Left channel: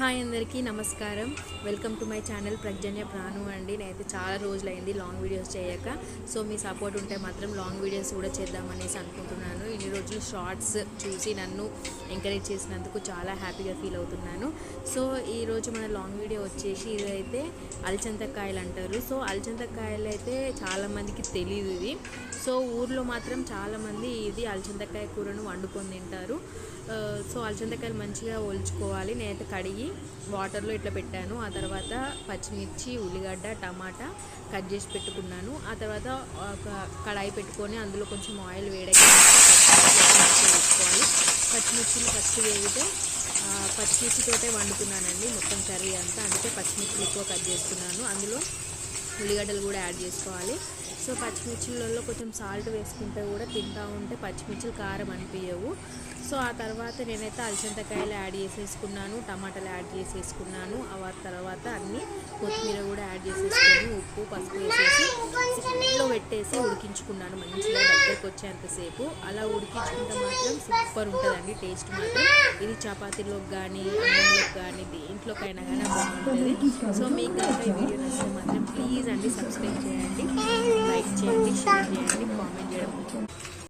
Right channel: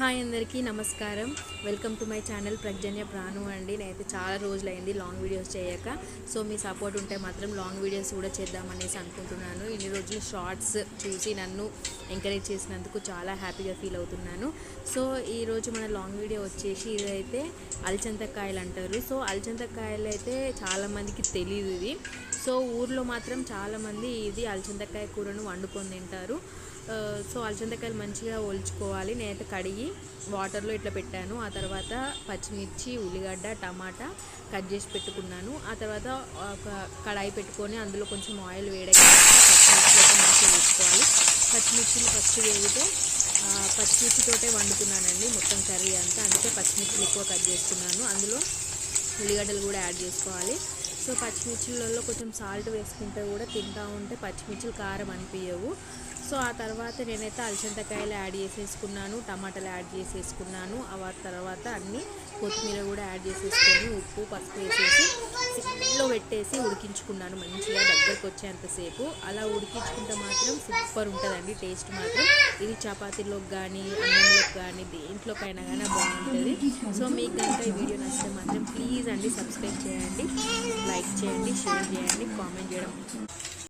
Hi అందరికీ నమస్కారం. Welcome to my channel Pragna Pranu అండి. నేనైతే చాలా రోజులైంది లాంగ్ వీడియోస్ చేయక. సో మీ సపోర్ట్ ఉంటే మాత్రం లాంగ్ వీడియోస్ కూడా చేద్దామనేసి అనుకుంటున్నాను. ఇన్ని రోజులు షార్ట్స్ చూసి నన్ను ఎంకరేజ్ చేసినందుకు చాలా హ్యాపీగా ఫీల్ అవుతున్నాను. సో ఈరోజు మన లాంగ్ వీడియో వచ్చేసి ఇదైతే అలచంతకాయలు అంటారు. సో అలచంతకాయలు అయితే చాలామందికి తెలియదు ఇది. సో ఊర్లో మాత్రం చాలామంది ఇది అలచంతకాయ కూరను వండుకొని తింటారు. Uh, సో అలచంతకాయలు మంచిగా ఒలుచుకోవాలి. నేనైతే కడిగి వాటర్లో ఇట్లా పెట్టాను. ఆ తర్వాత పచ్చిమిర్చి ఉల్లిగడ్డ టమాటా కట్ చేసి పెట్టుకున్నాను. ఆ తర్వాత ఒక కడాయి పెట్టుకొని అందులో కొంచెం ఆయిల్ వేడెక్కాక పచ్చిమిర్చి మంచిగా వేసుకోవాలి. పచ్చిమిర్చిని ఫస్ట్ వేగితే పచ్చిమిర్చితోటే వండుతున్నానండి మొత్తం కర్రీ అంతా. అందుకే పచ్చిమిర్చిలు ఎక్కువ కట్ చేస్తున్నాను. అందులో ఉల్లిగడ్డలు కూడా యాడ్ చేసుకోవాలి. సో పచ్చిమిర్చిలలో కొంచెం సాల్ట్ వేసుకుంటే కూడా తింటా ఉంటే పచ్చిమిర్చిలు కారం అనిపించవు సో ఆ తర్వాత నేనైతే అలసంతకాయలు యాడ్ చేసేసుకున్నాను టమాటాలు యాడ్ చేసేసుకున్నాను. ఆ తర్వాత అన్నీ కొత్తిమీర కూడా యాడ్ చేసేసుకొని ఉప్పు పసుపు వేసేసి సిమ్లో పెట్టేసి ఉడికించుకున్నాను మంచిగా దగ్గరకు వచ్చేంతసేపు అలా ఉడికించుకుంటే మాత్రం సూపర్ ఉంటుందండి టేస్ట్ మాత్రం. ఇది చపాతీలోకి కానీ అన్నంలోకి కానీ దేంట్లోకైనా కానీ బాగుంటుంది. సో మీకు కనుక ఈ వీడియో నచ్చితే మాత్రం ప్లీజ్ ప్లీజ్ అండి సబ్స్క్రైబ్ చేయండి లైక్ చేయండి షేర్ చేయండి కామెంట్ చేయడం